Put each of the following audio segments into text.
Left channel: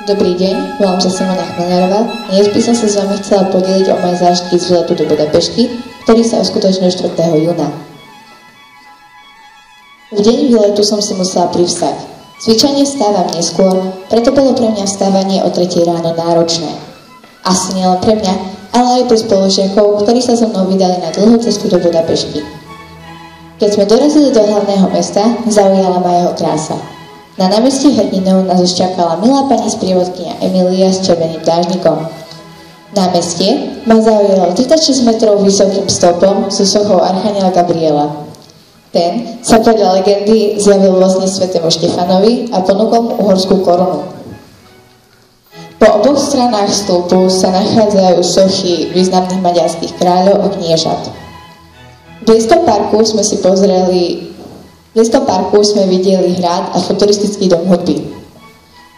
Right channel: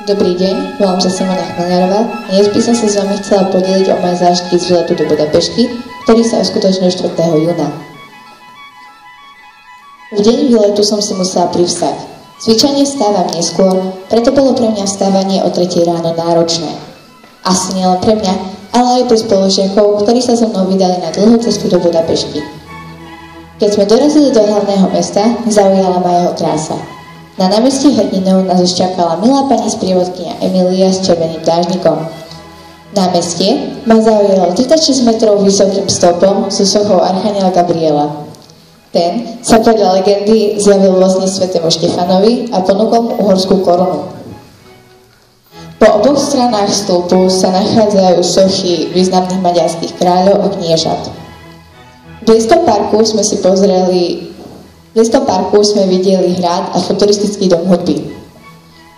Dobrý deň, volám sa Simona Chmelňarová a dnes by som sa s vami chcela podeliť o moje zážitky z výletu do Budapešti, ktorý sa uskutočnil 4. júna. V deň výletu som si musela privstať. Zvyčajne vstávam neskôr, preto bolo pre mňa vstávanie o 3 ráno náročné. Asi nielen pre mňa, ale aj pre spolužiakov, ktorí sa so mnou vydali na dlhú cestu do Budapešti. Keď sme dorazili do hlavného mesta, zaujala ma jeho krása. Na námestí hrdinov nás už čakala milá pani sprievodkyňa Emília s červeným dážnikom. Námestie ma zaujalo 36 metrov vysokým stĺpom so sochou archaniela Gabriela. Ten sa podľa legendy zjavil vlastne svätému Štefanovi a ponúkol mu uhorskú korunu. Po oboch stranách stĺpu sa nachádzajú sochy významných maďarských kráľov a kniežat. V Blízkom parku sme videli hrad a futuristický dom hudby.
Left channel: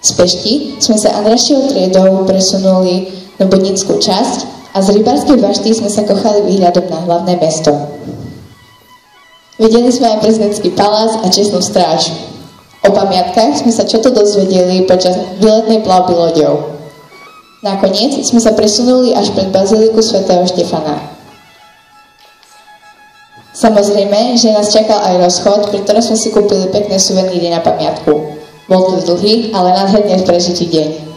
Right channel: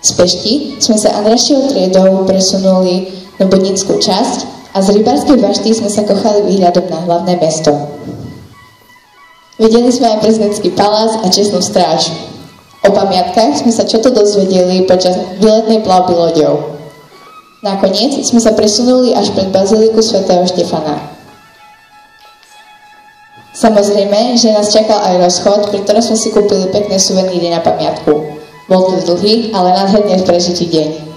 Z Pešti sme sa Andrašiou triedou presunuli na Budnickú časť a z rybárskej bašty sme sa kochali výhľadom na hlavné mesto. Videli sme aj prezidentský palác a čestnú stráž. O pamiatkách sme sa čo to dozvedeli počas výletnej plavby loďou. Nakoniec sme sa presunuli až pred baziliku svätého Štefana. Samozrejme, že nás čakal aj rozchod, pri ktorom sme si kúpili pekné suveníry na pamiatku. Bol to dlhý, ale nádherne prežitý deň.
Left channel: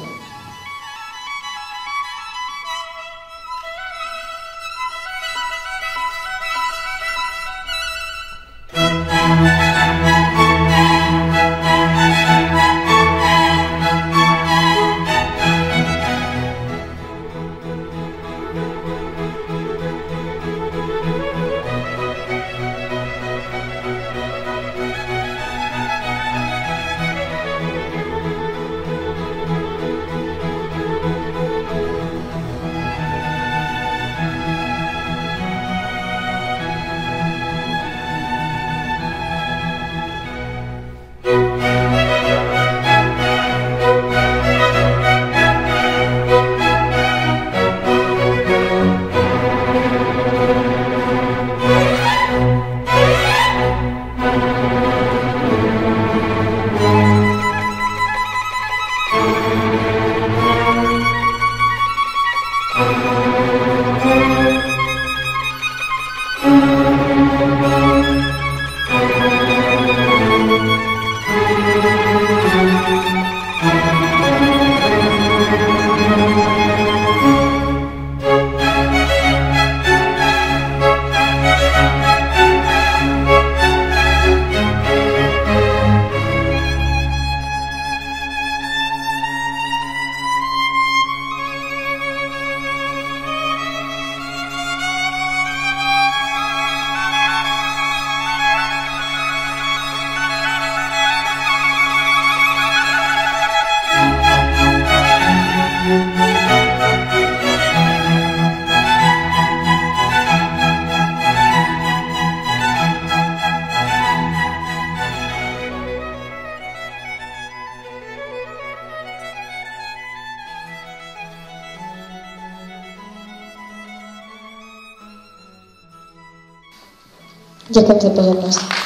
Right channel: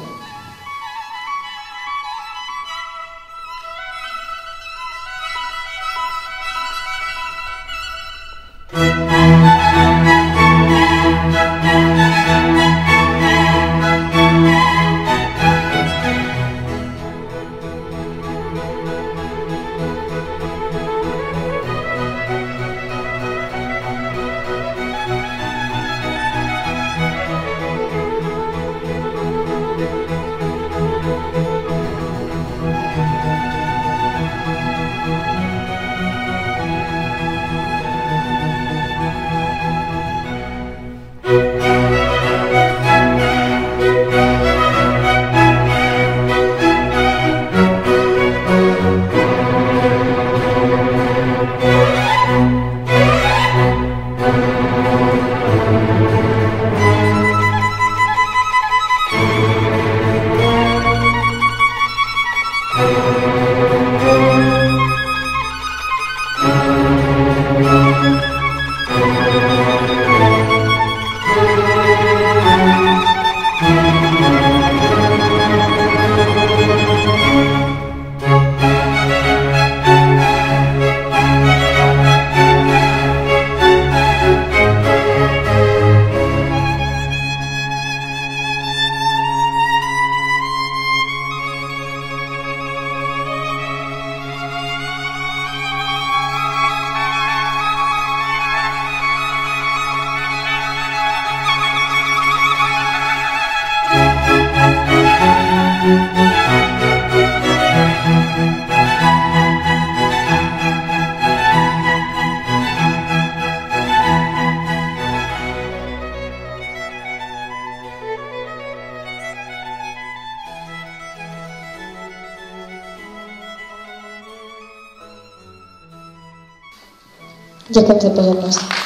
Ďakujem za pozornosť.